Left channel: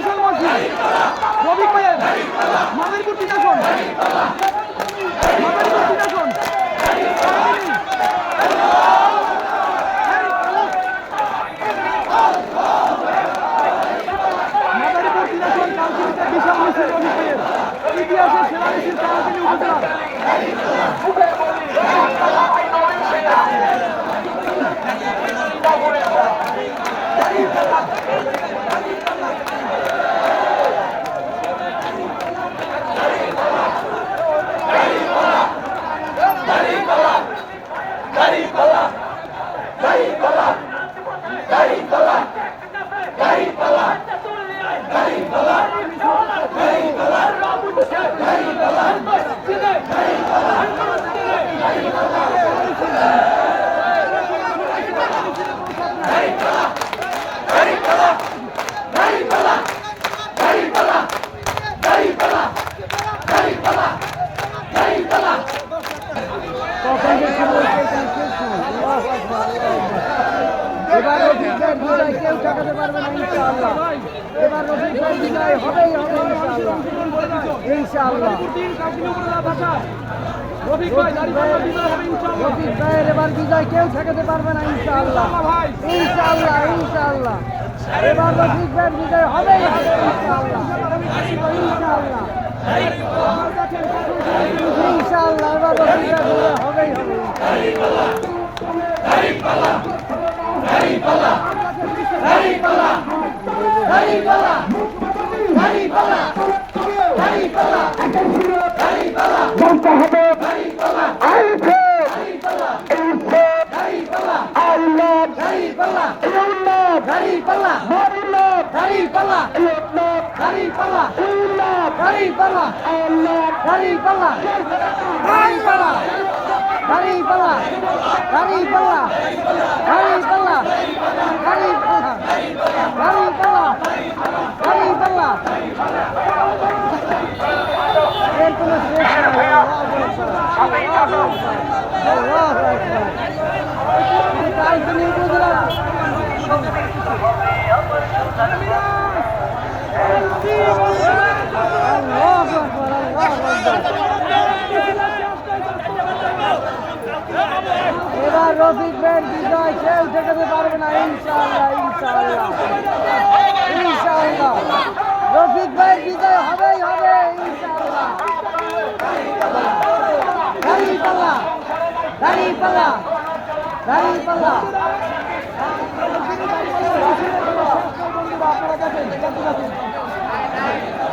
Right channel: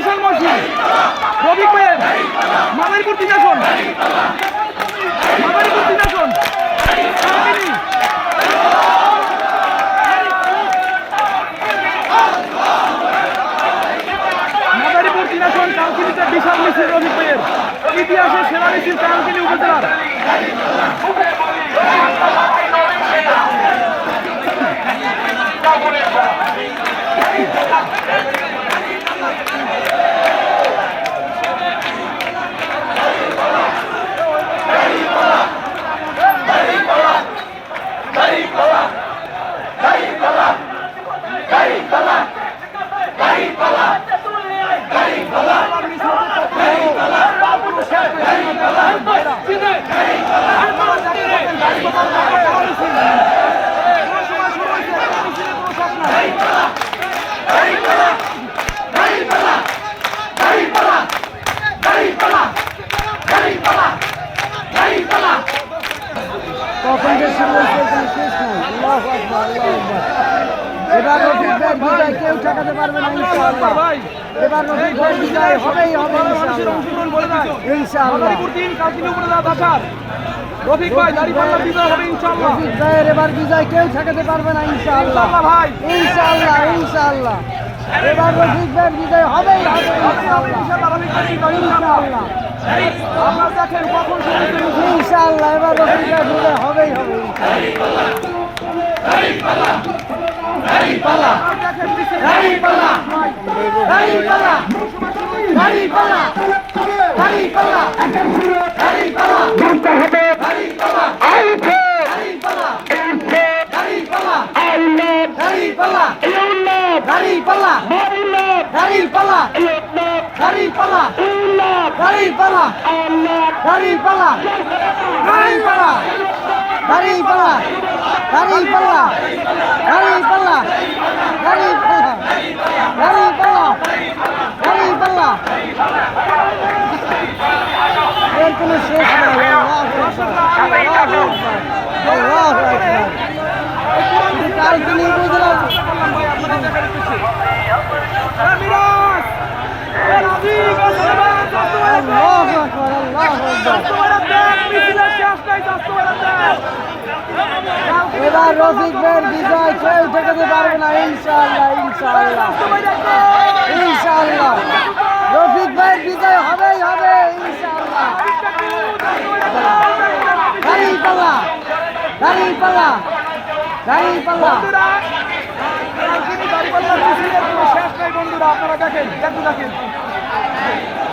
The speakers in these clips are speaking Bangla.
বিশাল মহসিন রফিক ভাইয়ের মাদারীপুর 3 আসন মাদারীপুর 3 আসন কাউন্সিলিতে বিশাল মিছিল রফিক ভাইয়ের ইতিহাসের সেরা মিছিল কাউন্সিলি উপজেলার রফিক ভাই দাঁড়িপাল্লা বিজয় হবে ইনশাআল্লাহ। রফিক ভাইয়ের এবার বিজয় কেউ ঠেকাতে পারবে না ইনশাআল্লাহ ভাই ইনশাআল্লাহ ইনশাআল্লাহ এবার রফিক ভাইয়ের বিজয় হবে ইনশাআল্লাহ আপনারা দেখেন কখন ইনশাআল্লাহ এবার রফিক ভাইয়ের বিজয় হবেই হবে দাঁড়িপাল্লা দাঁড়িপাল্লা দাঁড়িপাল্লা দাঁড়িপাল্লা দাঁড়িপাল্লা দাঁড়িপাল্লা দাঁড়িপাল্লা দাঁড়িপাল্লা জানতে হবে দাঁড়িপাল্লা আউটে দাঁড়িপাল্লা আউট দাঁড়িপাল্লা ইউনাত দাঁড়িপাল্লা মারুনাত দাঁড়িপাল্লা ইউনাত দাঁড়িপাল্লা উনাত দাঁড়িপাল্লা আল্লাহ দাঁড়িপাল্লা দাঁড়িপাল্লা দাঁড়িপাল্লা দাঁড়িপাল্লা দাঁড়িপাল্লা দাঁড়িপাল্লা দাঁড়িপাল্লা এর কোনো শেষ নেই এবার রফিক ভাইয়ের বিজয় কেউ ঠেকাতে পারবে না ইনশাআল্লাহ ইনশাআল্লাহ ইনশাআল্লাহ রফিক ভাইয়ের বিজয় হবেই হবে দাঁড়িপাল্লা দাঁড়িপাল্লা দাঁড়িপাল্লা বন্ধুরা আপনারা দেখেন দেখেন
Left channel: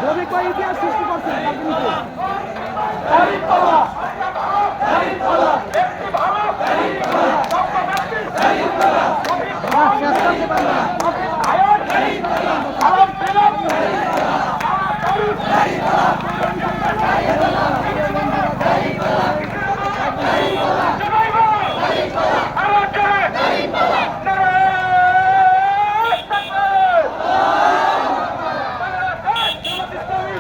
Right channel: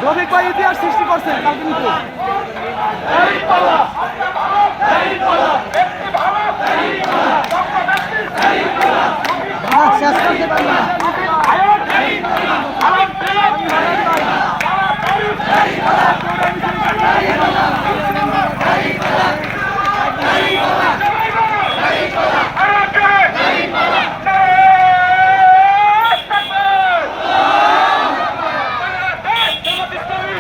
রফিক ভাই ইতিহাস সৃষ্টি করছেন কালকে